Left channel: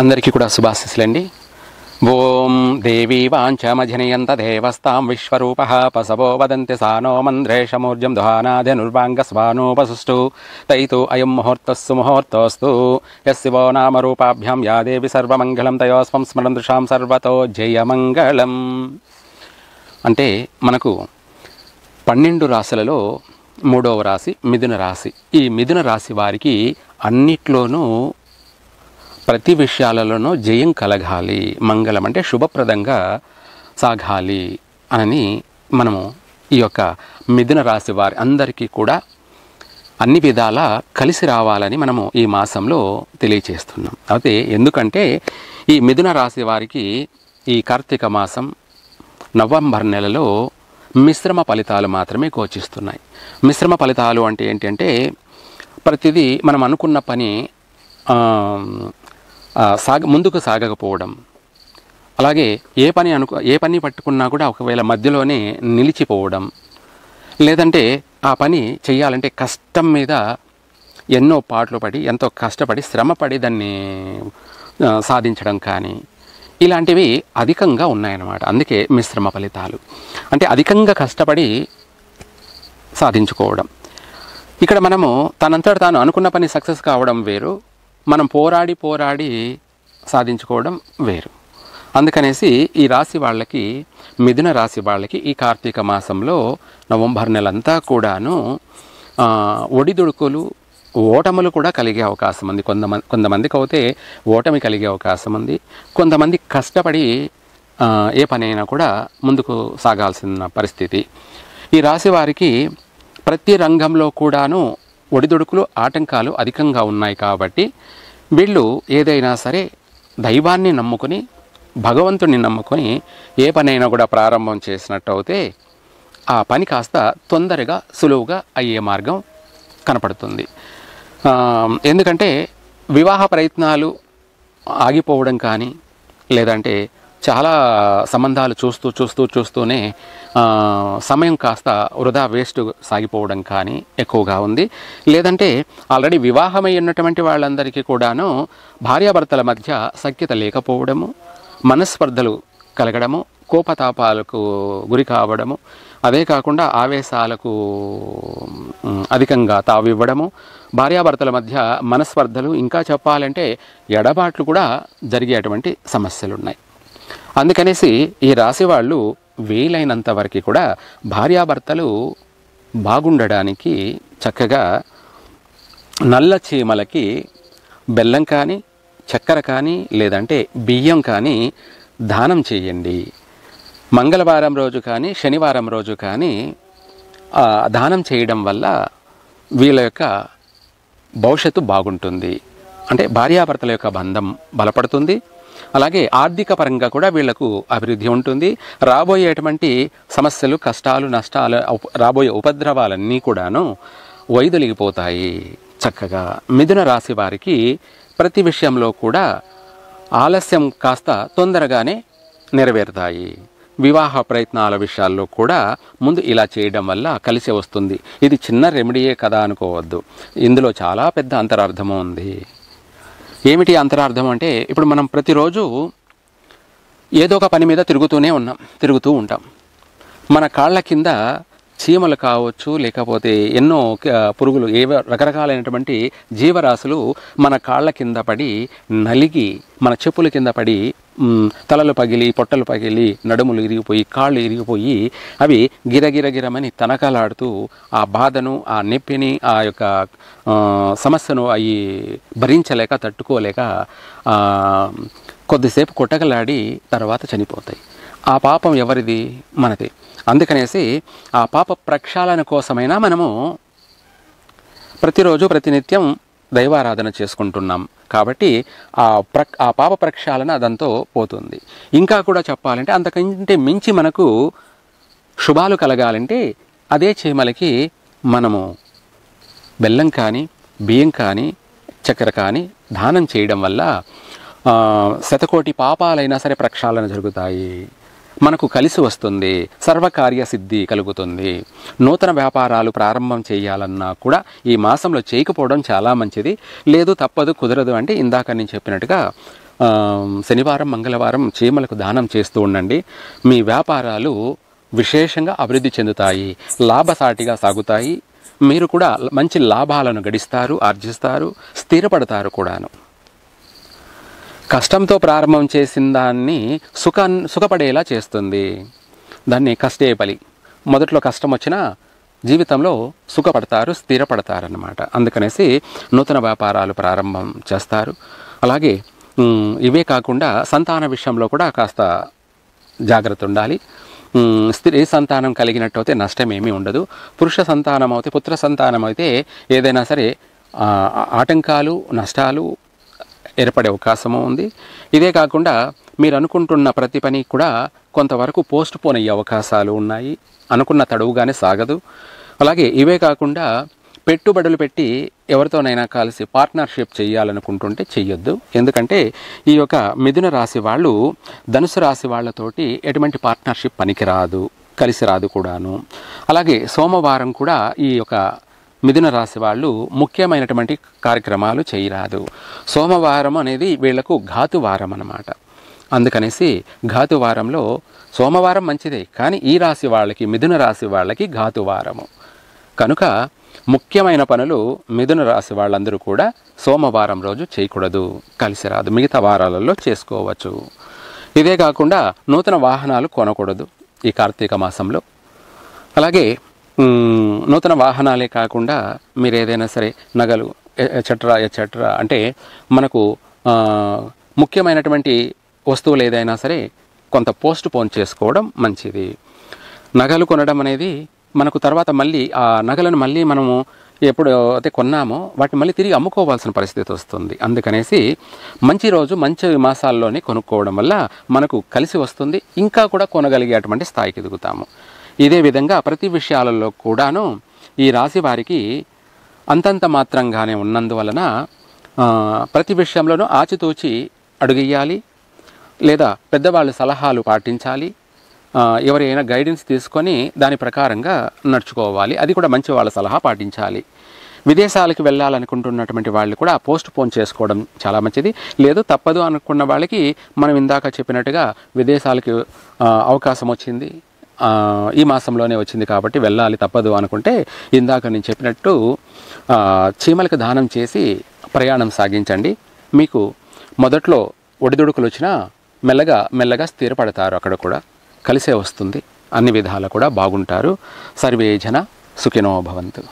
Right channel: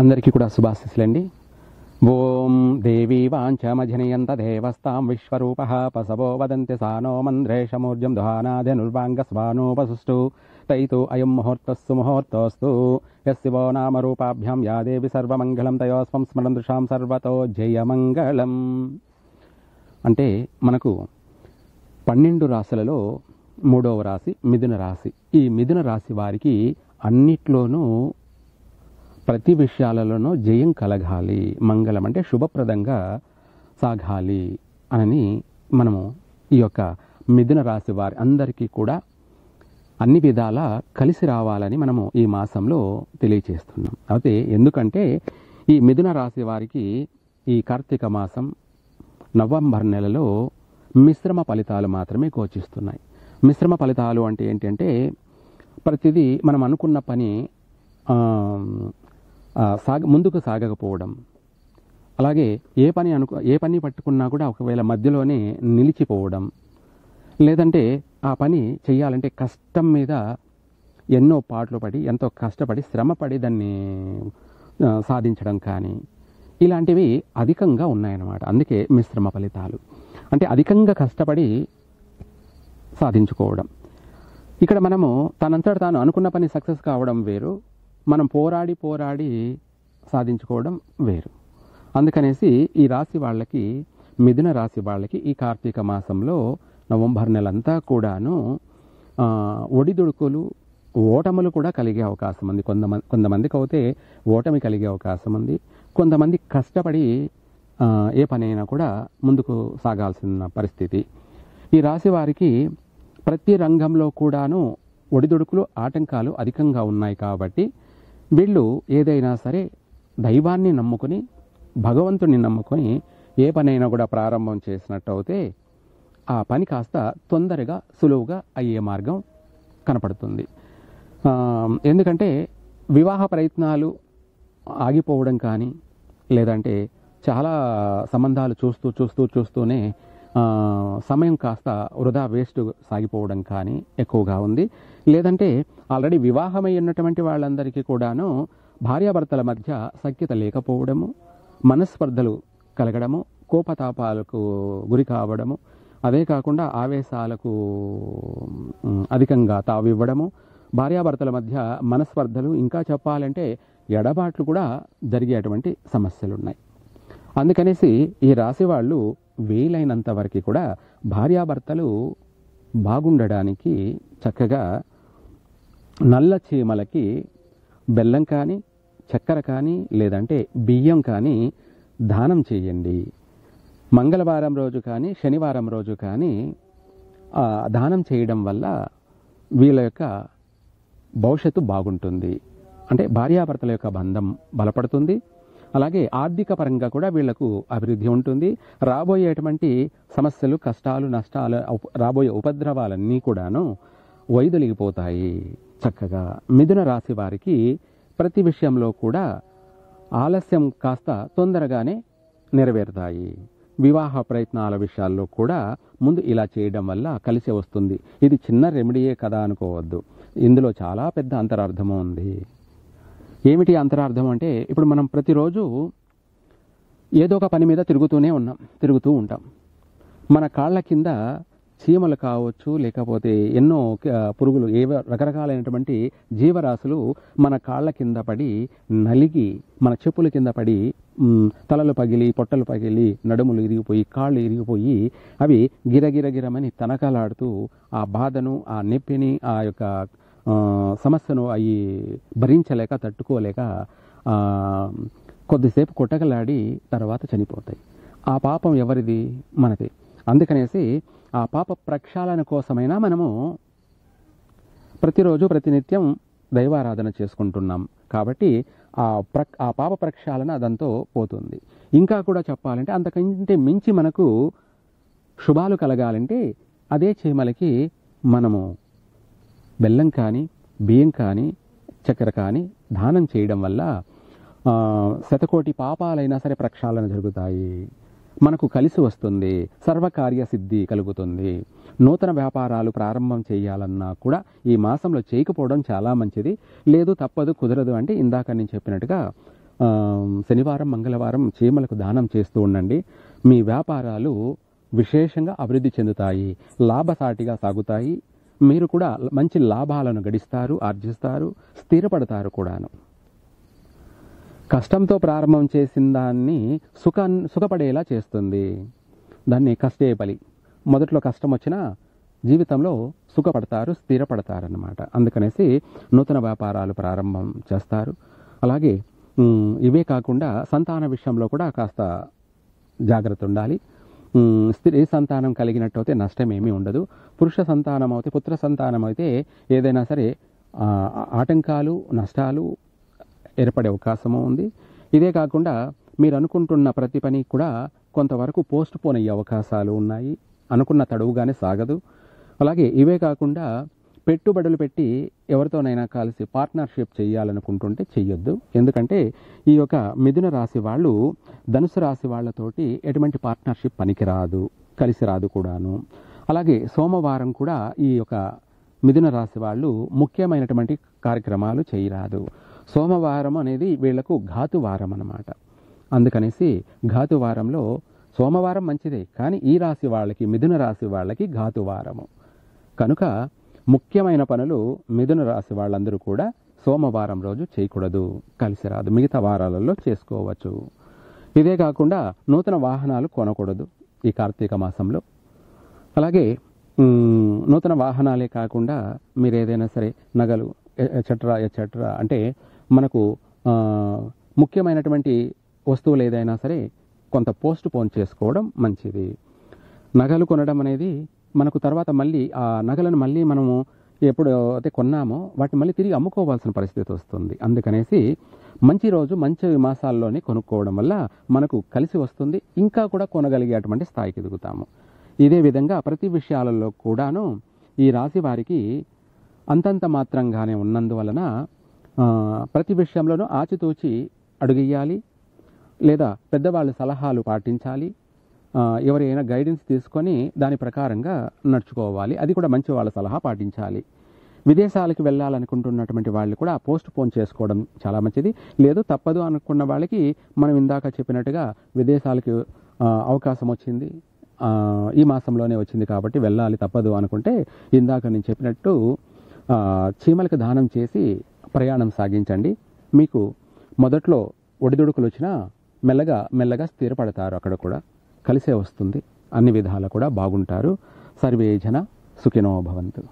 అందరికీ కూడా శుభాశీస్సులండి. ఓం దేవీ వాంఛమజనయంత దేవస్తాం విశ్వరూపః పసవో వదంతి సానో మంద్రేషమూర్జం దుహానాద్యనుర్వాంగస్వానోపసుష్టు తైతో అయం ముహూర్తస్సు ముహూర్తోస్తు యస్శివో నామరూపాభ్యాం యా దేవి సర్వమంగళం తయోస్వం స్మరం దృశాం సర్వతో జయమంగళం. అంటే మనకు 12 రాశులలో 3వ రాశి మిథున రాశి. ఈ మిథున రాశి వారికి అన్నిట్లోనూ ప్రతి విషయాలలోనూ జయం కలగాలి, మంగళం అంటే శుభప్రదంగా సాగాలి అని మనము ఈ యొక్క మిథున రాశి వారి అందరికీ కూడా అన్ని విధాల కలిసి రావాలని మనము ఈ మాసంలో తెలియచేస్తున్నాం. అయితే ఎందుకంటే ఈ మిథున రాశి వారికి ఈ కార్తీక మాసం నవంబర్ నెలలో మిశ్రమ ఫలితాలు మాత్రమే గోచిస్తున్నాయి. మిశ్రమ ఫలితాలు అంటే ఏంటంటే ప్రతిదీ మనం అనుకున్న పని ముందుకు సాగకపోవడం, అలాగే ఏ పని పట్టుకున్నా కూడా ఒకవేళ మధ్యలోనే నిలిచిపోవడం, లేదంటే ఆ పని చేయాలంటే కష్టం మీద ఎన్నో పాటలు పడి ఎంతో కష్టపడి శ్రమపడి దాన్ని సాధించడం కానీ ఇలాంటివి అధికంగా ఉన్నాయన్నమాట. అందుకే మిశ్రమ ఫలితాలు అంటే అధికంగా కష్టపడి సాధించుకోవడం. ఇక్కడ మనము తనంతట తాను అనుకున్న పని సక్సెస్ కావడం వేరు, మనం పోరాడి సాధించుకోవడం వేరు. అందుకనేసి ఈ రాశి వాళ్ళకి, మిథున రాశి వాళ్ళకి ఈ కార్తీక మాసంలో నవంబర్ నెలంతా కూడాను ఒడిదుడుకులు, ఓటములు కూడా కలిగే అవకాశం ఉంది. కొంతమందికి అయితే ఓటమి కలిగే అవకాశం ఉంది. కొంతమంది కష్టపడి ఏ పనైనా కూడా ముందుకు సాగాల్సిన పరిస్థితి. ఈ రాశి వారికి ప్రతి రంగంలో కూడాను ఒడిదుడుకులు, ఆటంకాలు అధికంగా ఉన్నాయి. కాబట్టి వీళ్ళు ఏదైనా సరే దైవాన్ని నమ్ముకొని, భగవంతుడిని నమ్ముకొని ఏ పనైనా కూడా ప్రారంభం చేసినట్టు అయితే ఆ పని కాస్త తొందరగా సులువుగా అయ్యే మార్గం కనపడుతుంది. ఎందుకంటే వివాహ ప్రయత్నాలు ఆగిపోవడం కానీ, లేదంటే చాలా సంబంధాలు చూస్తూనే సమయం కాస్త వృధా వేస్ట్ సాగిపోవడం కానీ ఎక్కువగా ఉంది. లేదంటే ఆల్రెడీ వివాహమై ఉన్నటువంటి వాళ్ళందరికీ కూడాను భార్యాభర్తల మధ్య సఖ్యత లేకపోవడము, మనస్పర్ధలు కలగడము, కోపతాపాలకు గురి కావడము, అదే కాకుండా ఆవేశాలకు అధికంగా తావివ్వడము, భార్యాభర్తల మధ్య మనస్పర్ధలు, ఇంకా చెప్పాలంటే ఎడబాట్లు కూడా జరిగేటువంటి సమస్యలు ఉన్నాయి. అందుకనేసి ఈ రాశి వాళ్ళు వీలైనంత వరకు కూడా భార్యాభర్తలు బాగుండడానికి చక్కగా నల్ల చీమలకి బెల్లం కానీ, చక్కెర కానీ, లేదంటే బియ్యం కానీ దానం చేయండి. మంగళవారం రోజు కానీ, శనివారం రోజు కానీ దానం చేయడం వల్ల వీళ్ళ యొక్క భవిష్యత్తు బాగుంటుంది. అంటే భార్యాభర్తల యొక్క బంధం బలపడుతుంది. అలాగే ఆర్థిక పరంగా కూడా వీళ్లకు అభివృద్ధి ఉంటుంది. రాబోయేటువంటి సమస్యలు, కష్టాలు, నష్టాలు, రాబోయే ఉపద్రవాలన్నీ కూడాను వైదొలిగిపోతాయి. చక్కగా మిథున రాశి వారికి ప్రతి విషయంలో కూడా ఆలస్యం కాస్త తొందరగానే నెరవేరుతాయి. వివాహ ప్రయత్నాల విషయాల్లో కూడా ముందు ఇలా చేయడం వల్ల కలిసి వస్తుంది. ఇది చిన్న రెమెడీయే కదా అనుకోవద్దు, ఇందులో చాలా పెద్ద అంతరార్థము ఉంది. ఏమిటి అంతరార్థం అంటే, ఇప్పుడు మనం ప్రతిరోజు ఏదో ఒక పని మీద తిరుగుతూ ఉంటాం. మన కాళ్ళ కింద చీమలు కావచ్చు, లేకపోతే ఎన్నో పురుగులు, ఏవో రకరకాలైనటువంటి జీవరాశులు మన కాళ్ళ కింద పడి నలిగి, మన చెప్పుల కింద పడి తలలు పగిలి, పొట్టలు పగిలి, నడుములు ఇరిగిపోయి, కాళ్ళు ఇరిగిపోయి అవి గిరగిరగిరమని తనకలాడుతూ ఆ బాధను, ఆ నొప్పిని, ఆ యొక్క సమస్యను అవి భరించలేక, తట్టుకోలేక కొద్దిసేపు కొట్టకలాడి తర్వాత చనిపోతాయి. ఆ పాపం ఎవరిది? మనది. అందుకనేసి ఆ పాప ప్రక్షాళన కోసమైనా మనము ప్రతిరోజు ప్రతినిత్యం దైవారాధన చేసుకుంటున్నాం. కాబట్టి ఆ పాప ప్రక్షాళన అదంతో పోతుంది. ఇంకా కూడా చెప్పాలంటే అంతకంటే మించి మనకు శుభాలు కలగాలంటే అదే చీమలకి మనము బెల్లం కానీ, బియ్యం కానీ, చక్కెర కానీ దానం చేయడం వల్ల శతకోటి పాపాలైనా సరే ప్రక్షాళన జరుగుతాయి. మనకు కలిసి వస్తుంది, సర్వకార్య సిద్ధి కలుగుతుంది. నూతన వ్యాపారాలు ప్రారంభం చేయాలన్నా కూడా ఈ మాసంలో చేయకపోవడం చాలా మంచిది. లేదు, తప్పదు, కుదరదు అంటే ఇందాక నేను చెప్పినట్టుగా శనివారం మంగళవారం చీమలకు దానం చేస్తూ ఉండండి. మీ వ్యాపారాలు విశేషంగా అభివృద్ధి చెందుతాయి, లాభసాటిగా సాగుతాయి. మీరు కూడా మంచి లాభాలను గడిస్తారు, ఆర్జిస్తారు, స్థిరపడతారు కూడాను. కష్టంతో ప్రారంభం చేసిన దాన్ని సుఖపడేలా చేస్తుంది. దాన్ని కష్టే బలి. మొదట్లో కష్టం వచ్చినా జీవితంలో సుఖపడతారు, స్థిరపడతారన్నమాట. అందుకనేసి నూతన వ్యాపారాలు ప్రారంభం చేస్తారు. అలాగే ఇవే కాకుండా సంతాన విషయంలో కూడా కాస్త జాగ్రత్త ఉండాలి. స్త్రీ సంతానం కలిగినట్టయితే నష్టమేమీ ఉండదు. పురుష సంతానం అయితే, పుత్ర సంతానం అయితే ఏదైనా సరే ఆటంకాలు, నష్టాలు ఏర్పడే అవకాశము ఉంది. ఇదే కాకుండా మీరు అనుకుంటున్న ప్రతి పని కూడా కొంతవరకు పోస్ట్ పోన్ అయ్యే అవకాశాలు ఉన్నాయి. అనుకున్న తడువుగానే సాగదు. అలాగే ఇవే కాకుండా పెట్టుబడులు పెట్టి ఎవరితోనైనా కలిసి పార్ట్నర్షిప్ చేయాలనుకుంటుంటే చెయ్యొద్దు. ఎందుకంటే ఈ యొక్క మిథున రాశి వాళ్ళు ధనుసు రాశి వాళ్ళతోటి ఎటువంటి పార్ట్నర్షిప్ పనికిరాదు, కలిసి రాదు కూడాను. అలాగే సోమవారం కూడా ఈ యొక్క మిథున రాశి వాళ్ళు ముఖ్యమైనటువంటి కార్యక్రమాలు చేయరాదు. సోమవారం అనేది వీళ్లకు ఘాతువారం అన్నమాట. అందుకనేసి ఘాతువారంలో సోమవారం మంచిదే, కానీ ఈ రాశి వాళ్ళకి, మిథున రాశి వాళ్ళకి ఘాతువారము కనుక ముఖ్యమైన పనులు మిథున రాశి వాళ్ళందరూ కూడా సోమవారం రోజు చేయకూడదు, కలిసి రాదు. మిగతా వారాలలో చేసుకోవచ్చు. ఇదే కాకుండా నూతన వాహనాలు కొనకూడదు ఈ కార్తీక మాసంలో. అలాగే నూతన వాహనాలే కాకుండా మీరు ఏదైనా సరే నగలు ఎట్సెట్రా అంటే మనకు ముఖ్యమైనటువంటి వస్తువులు ఏదైనా సరే కొంత పోస్ట్ పోన్ చేసుకోవడం మంచిది. నగలు కొనడం అనేది మనకు తర్వాత మళ్ళీ ఆ నగలను మళ్ళీ మనము ఎప్పుడు అయితే కొన్నామో వాటిని మళ్ళీ తిరిగి అమ్ముకోవాల్సిన పరిస్థితి వస్తుంది. అందుకనేసి మంచి రోజు, మంచి మాసాల్లోనే కొనుక్కోవడం వల్ల మనకు కలిసి వస్తుంది, ఇంకా కూడా కొనగలిగేటువంటి స్థాయికి ఎదుగుతాము. ఇదే విధంగా ప్రతి విషయాలలో కూడాను ఈ రాశి వారికి అంతంత మాత్రంగానే ఉన్నందువలన ప్రతి విషయంలోనూ ఆచితూచి అడుగేయాలి, లేదా పెద్దవాళ్ళ సలహాలు పాటించాలి. ఎవరైనా గైడెన్స్ తీసుకొని దాని ప్రకారంగా నడుచుకోవాలి. అది కూడా మంచి వాళ్ళ సలహా పాటించాలి. విదేశాలకు వెళ్ళాలనుకుంటున్నటువంటి వాళ్ళు కూడా పోస్ట్ పోన్ చేసుకోవడం చాలా మంచిది. లేదు తప్పదు అనుకున్న వాళ్ళకి మనం ఇందాక చెప్పినట్టుగా విదేశాలకు అవకాశం వచ్చింది, ఈ మాసంలోనే వచ్చింది కాబట్టి వెళ్ళాలి తప్పదు అనుకుంటే ఇందాక నేను చెప్పినట్టు చీమలకు దానం చేసి ప్రయాణం సాగించండి. మీకు మొదట్లో ఒడిదుడుకులు వచ్చినా మెల్లగా స్థిరపడతారు. అక్కడ కూడా కలిసే వస్తుంది. అన్ని విధాలు కూడా బాగుంటారు. సర్వే జన సుఖినో భవంతు.